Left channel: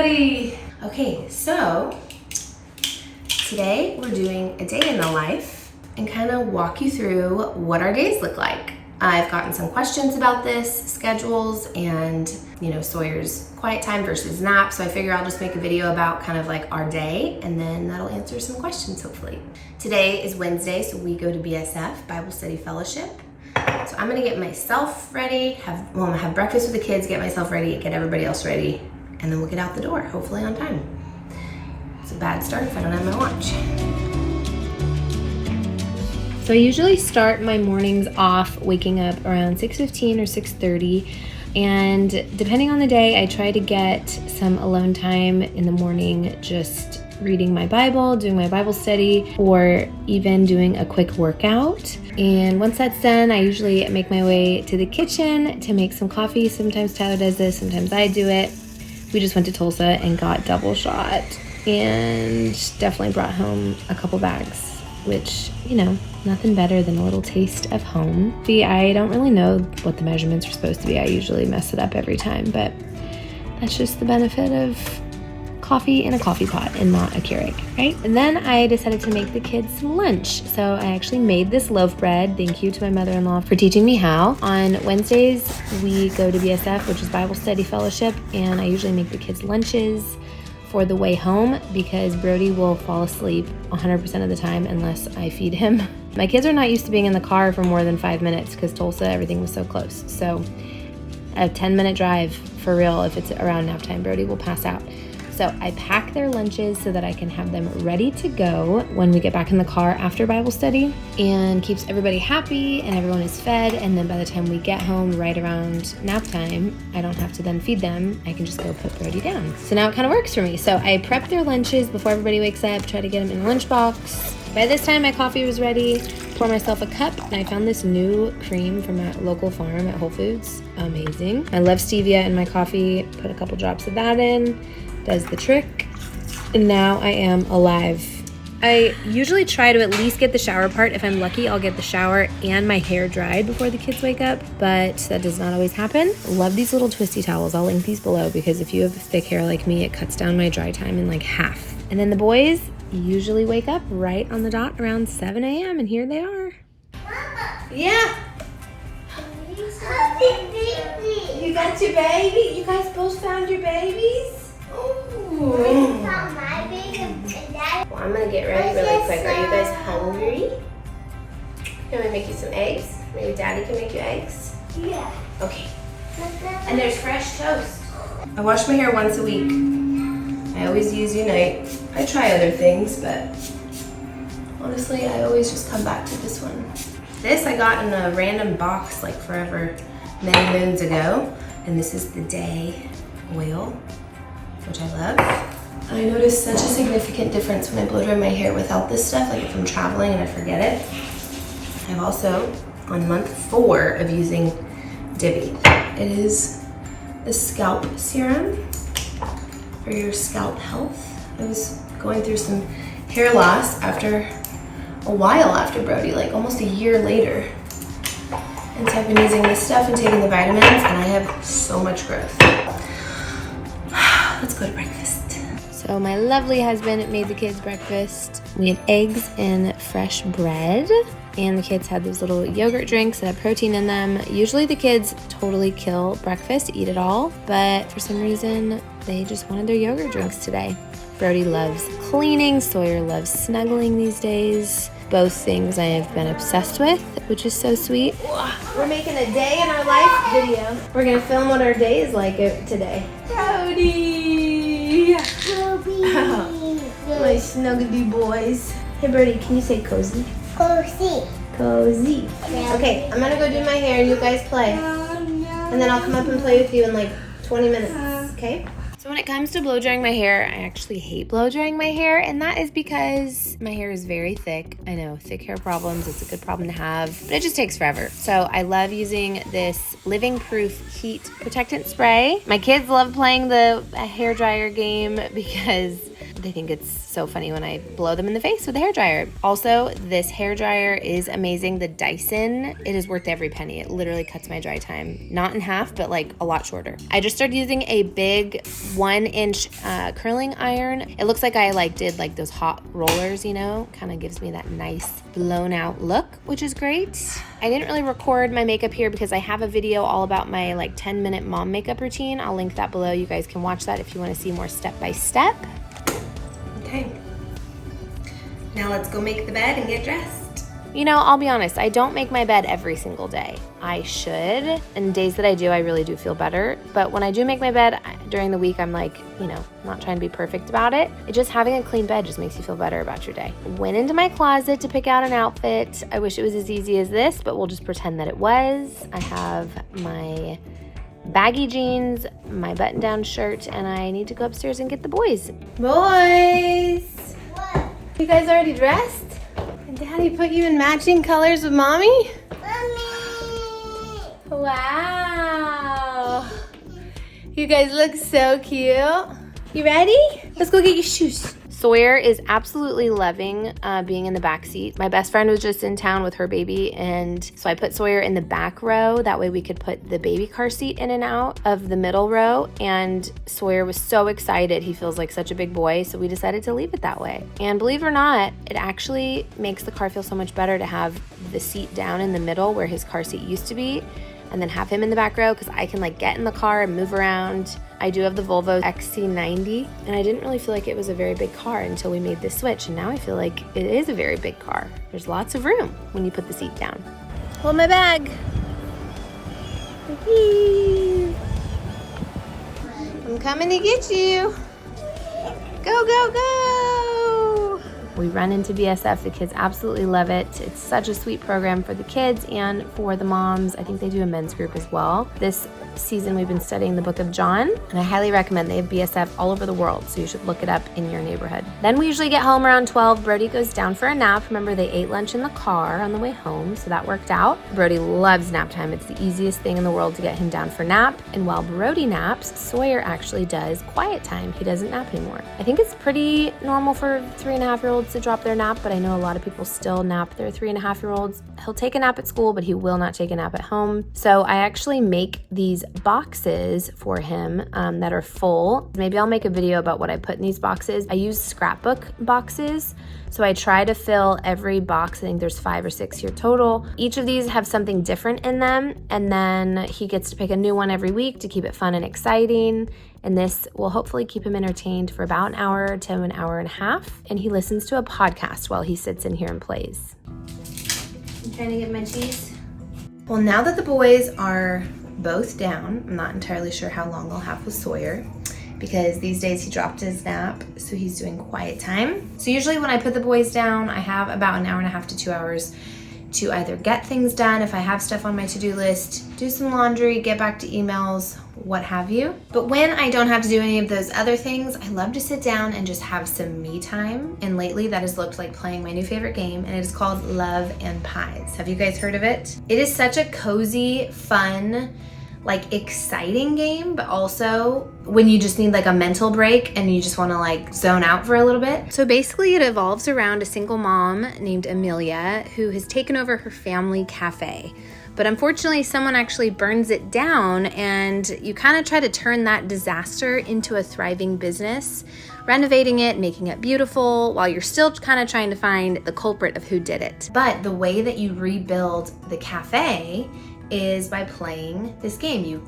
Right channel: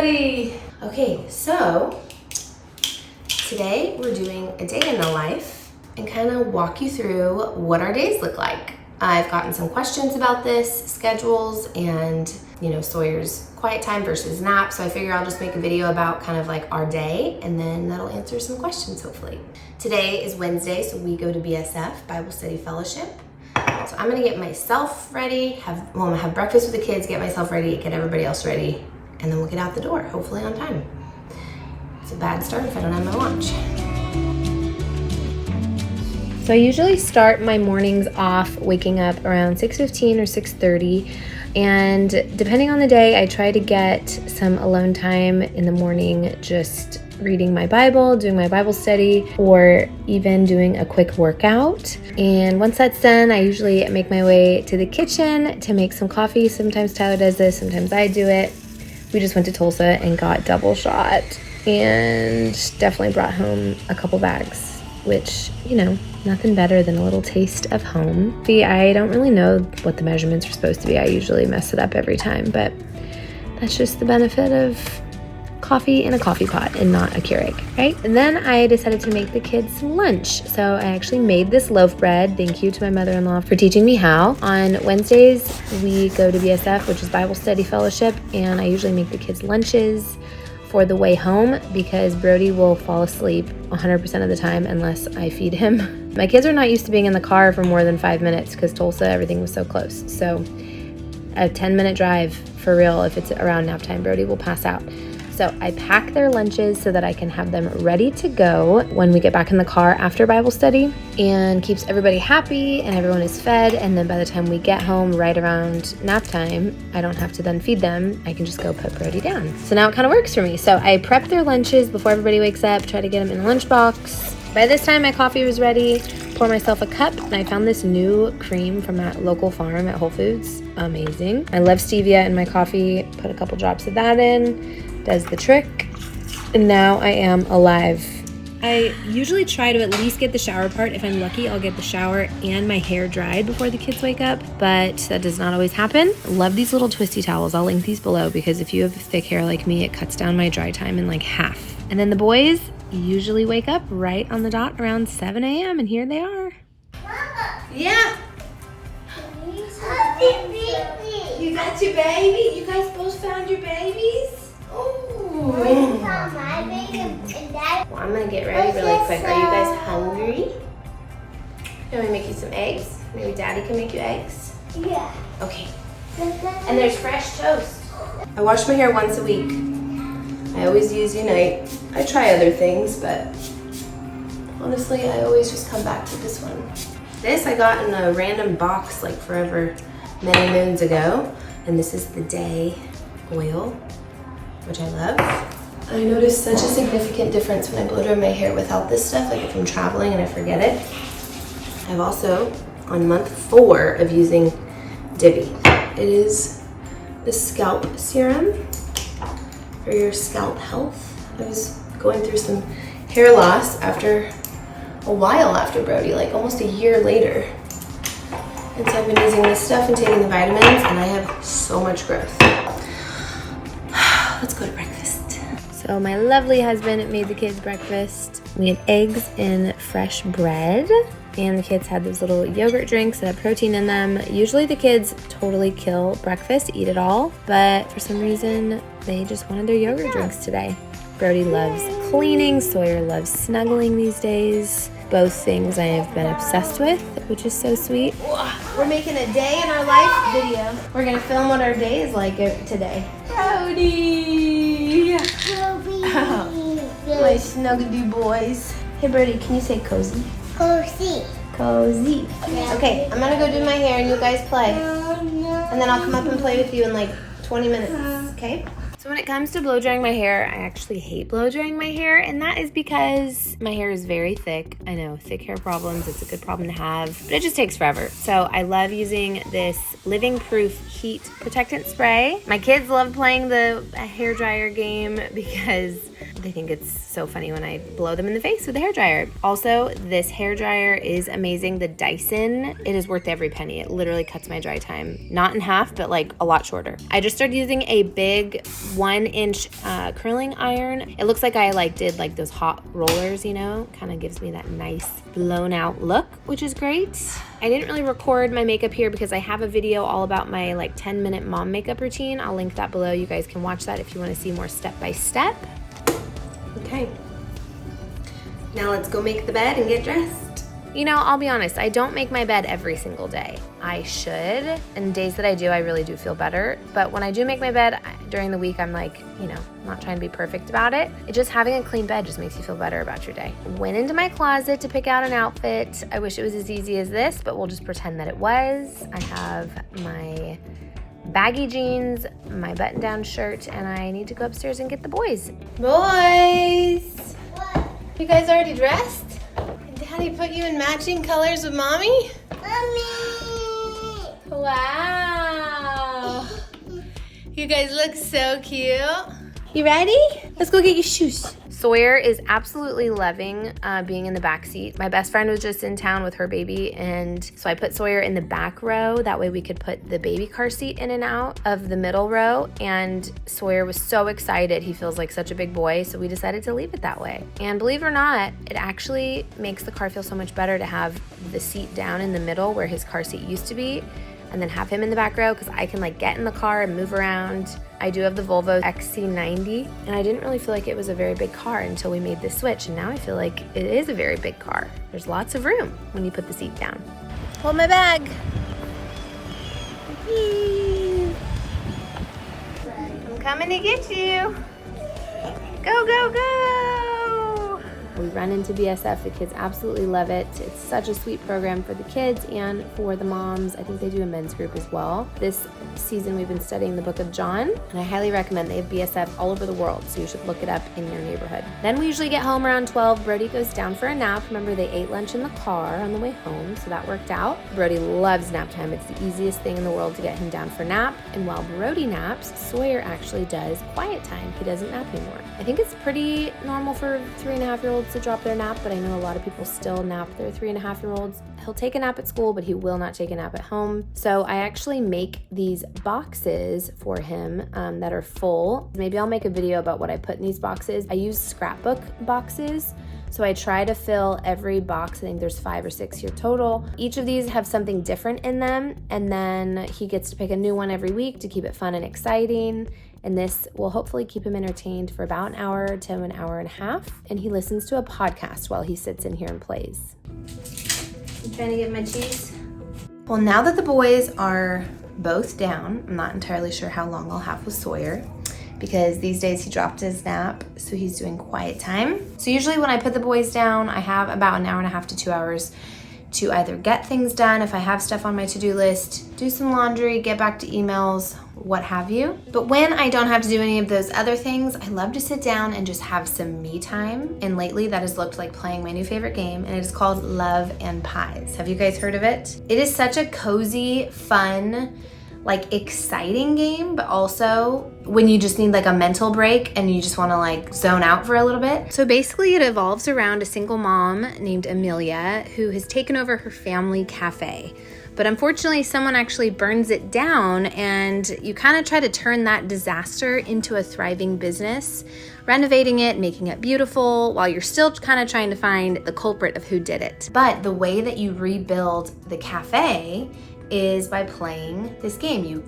everybody. Okay, so today we're doing a day in the life and kind of walk you through what our days look like. I've gotten some questions about this, schedules, and Sawyer's quiet time versus nap, so I figure I'll just make a video about kind of like our day, and then that'll answer some questions hopefully. Today is Wednesday, so we go to BSF, Bible Study Fellowship. So I'm gonna get myself ready, I'm gonna have breakfast with the kids, get myself ready, get everybody else ready, and then we'll get out the door, hopefully on time. It's a bad start if I don't have my lunch. So I usually start my mornings off waking up around 6:15 or 6:30, and depending on the day, I try to get some alone time in the morning, just reading my Bible, doing my Bible study, or even doing a quick workout. And once that's done, I usually make my way to the kitchen to make some coffee. Sometimes Tyler does this, sometimes I do it. We just went to Tulsa and got double shot and definitely brought home a couple bags, which, nothing better than a little taste of home. See, I don't really know what the measurements are supposed to be. I usually mess it up every time, but that's just the benefit of coffee in a coffee pot and not a Keurig, right? And then I decided to make the kids some lunch. So I actually made this loaf bread. Thank you to my mother-in-law for teaching me how. On Wednesdays, we go to BSF, which is Bible Study Fellowship, and I usually make the kids lunches for the way home because Brody will fall asleep 100% of the time unless I feed him. My kids are not used to being in the car for more than 5 minutes because Tulsa, everything was so close. So a 10-minute drive for real, if it's around nap time, Brody will pass out. So I pack their lunches so that I can have them ready to go when we get back in the car after Bible study, and keeps everybody happy and everyone is fed. And then by the time we get home right around nap time, I don't have to then feed them. I can just go put Brody down. So now it kind of works for me. So I prep their lunches before everybody wakes up, try to get them in the lunchbox. By this time, my coffee was ready. Pour myself a cup, and I found this new cream from that local farm at Whole Foods. Amazing. I love stevia in my coffee. Put a couple drops of that in. Does the trick, and now I am alive. I usually try to at least get the shower part. If I'm lucky, I'll get the shower and my hair dried before the kids wake up, but that does not always happen. Love these little twisty towels. I'll link these below because if you have thick hair like me, it cuts down my dry time in like half. And then the boys usually wake up right on the dot around 7 a.m. and here they are. Yeah. You got your baby? You guys both found your babies? Ooh. Well, I'm gonna get ready really quick. Are you guys hungry? Can we make you some eggs? Maybe Daddy can make you eggs? Yeah. Okay. And there's fresh toast. I wash my hair once a week. I always use Unite. I try other things, but honestly, I always just come back to this one. This I got in a random box like forever, many moons ago. And this is the Day oil, which I love. I noticed such a significant difference when I blow dry my hair without this stuff, like if I'm traveling and I forget it. I've also, on month 4 of using Divi. It is the scalp serum for your scalp health. I was going through some hair loss after a while after Brody, like almost a year later. And so I've been using this stuff and taking the vitamins, and I have so much growth. Let's go to breakfast. So my lovely husband made the kids breakfast. We had eggs and fresh bread, and the kids had those little yogurt drinks that have protein in them. Usually the kids totally kill breakfast, eat it all, but for some reason they just wanted their yogurt drinks today. Brody loves cleaning, Sawyer loves snuggling these days. Both things I have been obsessed with, which is so sweet. We're making a day in our life video. We're gonna film what our day is like today. Brody! Oh, my snuggly boys. Hey Brody, can you say cozy? Cozy. Cozy. Okay, I'm gonna go do my hair and you guys play. And then I'll come up and play with you in like 20 minutes, okay? So when it comes to blow drying my hair, I actually hate blow drying my hair, and that is because my hair is very thick. I know, thick hair problems, it's a good problem to have, but it just takes forever. So I love using this Living Proof Heat Protectant Spray. My kids love playing the hair dryer game because they think it's so funny when I blow them in the face with a hairdryer. Also, this hairdryer is amazing. The Dyson, it is worth every penny. It literally cuts my dry time, not in half, but like a lot shorter. I just started using a big 1-inch curling iron. It looks like I did those hot rollers, you know, kind of gives me that nice blown out look, which is great. I didn't really record my makeup here because I have a video all about my 10-minute mom makeup routine. I'll link that below. You guys can watch that if you want to see more step-by-step. Okay, now let's go make the bed and get dressed. You know, I'll be honest, I don't make my bed every single day. I should, and days that I do, I really do feel better. But when I do make my bed during the week, I'm not trying to be perfect about it. Just having a clean bed just makes you feel better about your day. Went into my closet to pick out an outfit. I wish it was as easy as this, but we'll just pretend that it was. I have my baggy jeans, my button-down shirt, and I need to go upstairs and get the boys. Boys! What? You guys already dressed? And Daddy put you in matching colors with Mommy? Mommy! Wow! You guys look so cute. You ready? Let's go get your shoes. Sawyer is absolutely loving being in the back seat. My best friend was just in town with her baby, and so I put Sawyer in the back row. That way we could put the baby car seat in and out of the middle row, and Sawyer was so excited. He feels like such a big boy, so we decided to leave it that way. And believe it or not, it actually makes the car feel so much better to have the seat down in the middle where his car seat used to be, and then have him in the back row because I can get in the car and move around. I do have the Volvo XC90, and I didn't really feel like it was a very big car until we made this switch, and now I feel like it is a very big car. There's lots of room when you put the seat down. Hold my bag. I'm coming to get you. Go, go, go. We run into BSF. The kids absolutely love it. It's such a sweet program for the kids and for the moms. I think they do a men's group as well. This season we've been studying the book of John, and I highly recommend. They have BSF all over the world, so you should look it up in your neighborhood. Then we usually get home around 12. Brody goes down for a nap. Remember, they ate lunch in the car on the way home, so that worked out. Brody loves nap time. It's the easiest thing in the world to get him down for nap. And while Brody naps, Sawyer actually does quiet time. He doesn't nap anymore. I think it's pretty normal for 3.5-year-olds to drop their nap, but I know a lot of people still nap their 3.5-year-olds. He'll take a nap at school, but he will not take a nap at home. So I actually make these boxes for him that are full. Maybe I'll make a video about what I put in these boxes. I use scrapbook boxes. So I try to fill every box. I think there's 5 or 6 here total. Each of these have something different in them, and then he gets to pick a new one every week to keep it fun and exciting. And this will hopefully keep him entertained for about an hour to an hour and a half. And he listens to a podcast while he sits in here and plays. I'm trying to get my cheese. Well, now that the boys are both down, I'm not entirely sure how long I'll have with Sawyer, because these days he dropped his nap, so he's doing quiet time. So usually when I put the boys down, I have about an hour and a half to 2 hours to either get things done if I have stuff on my to-do list, do some laundry, get back to emails, what have you. But when I don't have to do any of those other things, I love to sit down and just have some me time. And lately that has looked like playing my new favorite game, and it is called Love and Pies. Have you guys heard of it? It is such a cozy, fun, exciting game, but also when you just need a mental break and you just want to zone out for a little bit. So basically it evolves around a single mom named Amelia who has taken over her family cafe. But unfortunately, someone actually burns it down, and you kind of try to turn that disaster into a thriving business, renovating it, making it beautiful, while you're still kind of trying to find the culprit of who did it. But the way that you rebuild the cafe is by playing this game. You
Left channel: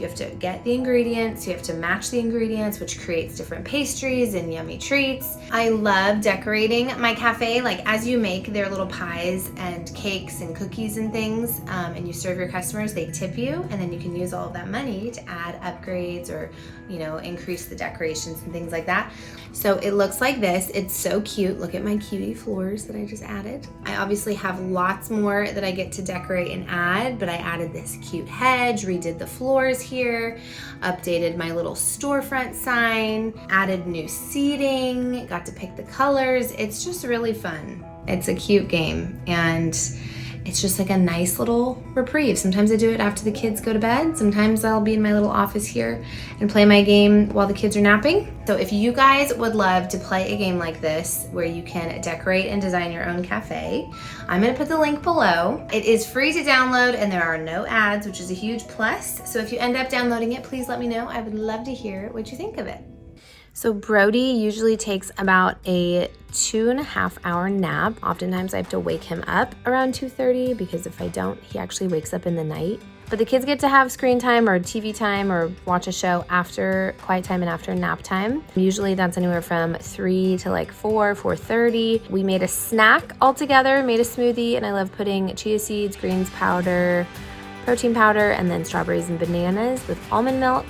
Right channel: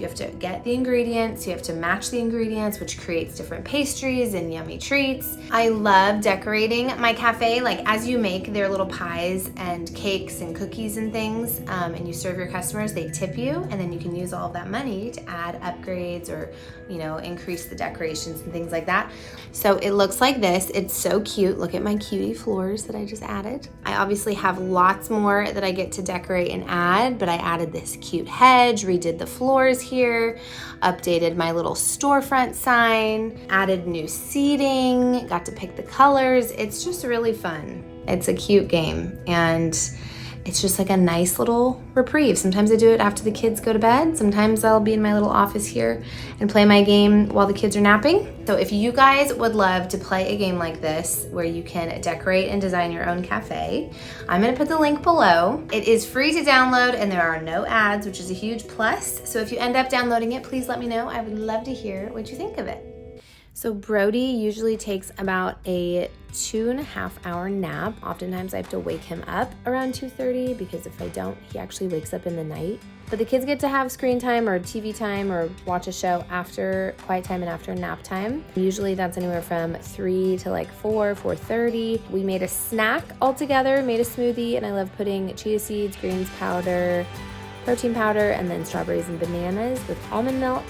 have to get the ingredients, you have to match the ingredients, which creates different pastries and yummy treats. I love decorating my cafe. As you make their little pies and cakes and cookies and things, and you serve your customers, they tip you, and then you can use all of that money to add upgrades or increase the decorations and things like that. So it looks like this. It's so cute. Look at my cutie floors that I just added. I obviously have lots more that I get to decorate and add, but I added this cute hedge, redid the floors here, updated my little storefront sign, added new seating, got to pick the colors. It's just really fun. It's a cute game, and it's just like a nice little reprieve. Sometimes I do it after the kids go to bed. Sometimes I'll be in my little office here and play my game while the kids are napping. So if you guys would love to play a game like this where you can decorate and design your own cafe, I'm gonna put the link below. It is free to download and there are no ads, which is a huge plus. So if you end up downloading it, please let me know. I would love to hear what you think of it. So Brody usually takes about a 2.5 hour nap. Oftentimes I have to wake him up around 2:30 because if I don't, he actually wakes up in the night. But the kids get to have screen time or TV time or watch a show after quiet time and after nap time. Usually that's anywhere from 3 to like 4:30. We made a snack all together, made a smoothie, and I love putting chia seeds, greens powder, protein powder, and then strawberries and bananas with almond milk.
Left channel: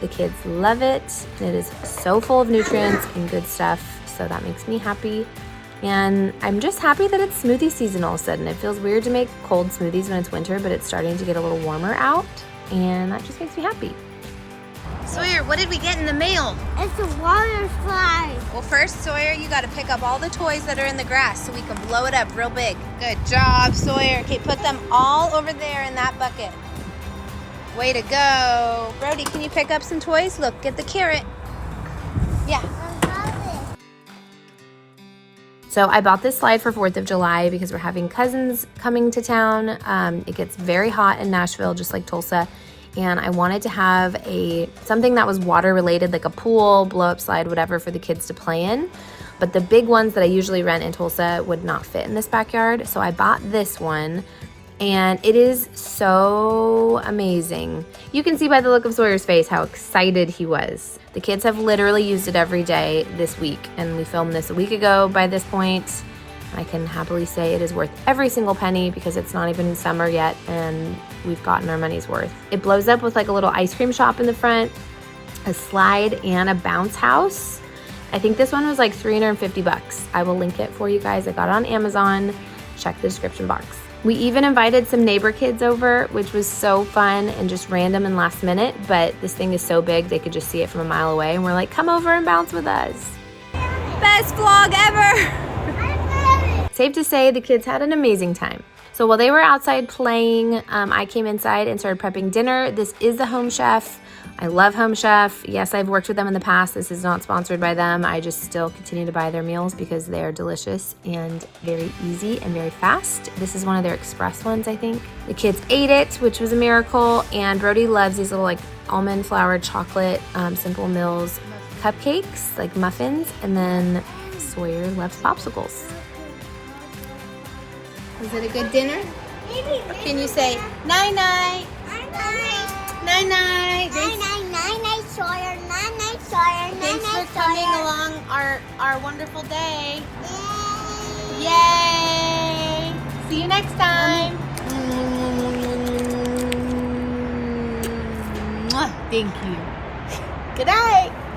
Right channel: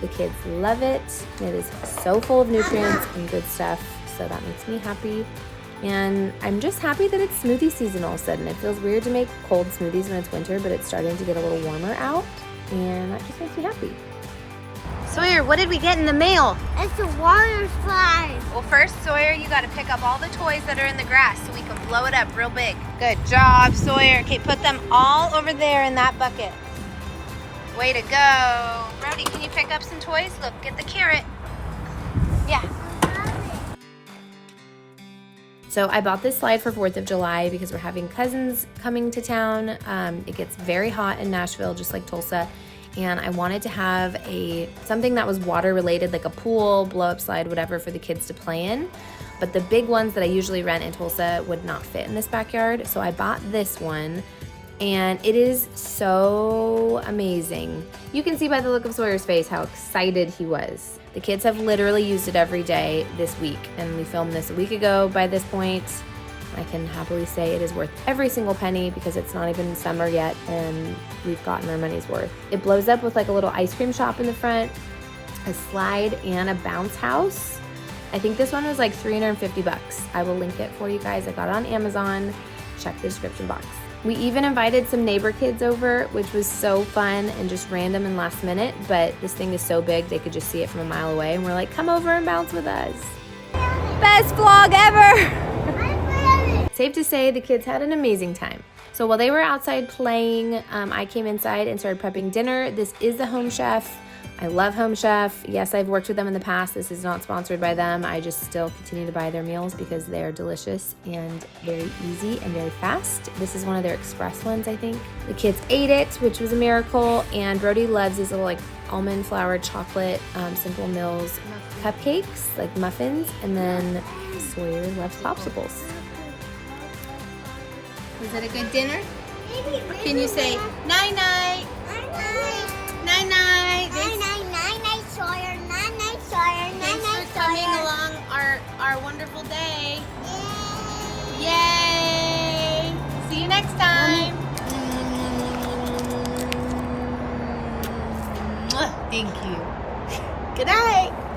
The kids love it. It is so full of nutrients and good stuff, so that makes me happy. And I'm just happy that it's smoothie season all of a sudden. It feels weird to make cold smoothies when it's winter, but it's starting to get a little warmer out, and that just makes me happy. Sawyer, what did we get in the mail? It's a water slide. Well, first, Sawyer, you got to pick up all the toys that are in the grass so we can blow it up real big. Good job, Sawyer. Okay, put them all over there in that bucket. Way to go. Brody, can you pick up some toys? Look, get the carrot. Yeah. So I bought this slide for 4th of July because we're having cousins coming to town. It gets very hot in Nashville, just like Tulsa. And I wanted to have something that was water related, like a pool, blow up slide, whatever, for the kids to play in. But the big ones that I usually rent in Tulsa would not fit in this backyard. So I bought this one. And it is so amazing. You can see by the look of Sawyer's face how excited he was. The kids have literally used it every day this week, and we filmed this a week ago by this point. I can happily say it is worth every single penny because it's not even summer yet and we've gotten our money's worth. It blows up with like a little ice cream shop in the front, a slide, and a bounce house. I think this one was like 350 bucks. I will link it for you guys. I got it on Amazon. Check the description box. We even invited some neighbor kids over, which was so fun and just random and last minute, but this thing is so big they could just see it from a mile away, and we're like, come over and bounce with us. Best vlog ever! Safe to say the kids had an amazing time. So while they were outside playing, I came inside and started prepping dinner. This is the Home Chef. I love Home Chef. Yes, I've worked with them in the past. This is not sponsored by them. I just still continue to buy their meals because they're delicious and very easy and very fast. This is one of their express ones, I think. The kids ate it, which was a miracle, and Brody loves these little like almond flour chocolate Simple Mills cupcakes, like muffins, and then Sawyer loves popsicles. Was it a good dinner? Or can you say night-night? Night-night. Night-night, Sawyer. Night-night, Sawyer. Thanks for coming along our wonderful day. Yay! Yay! See you next time. Thank you. Good night.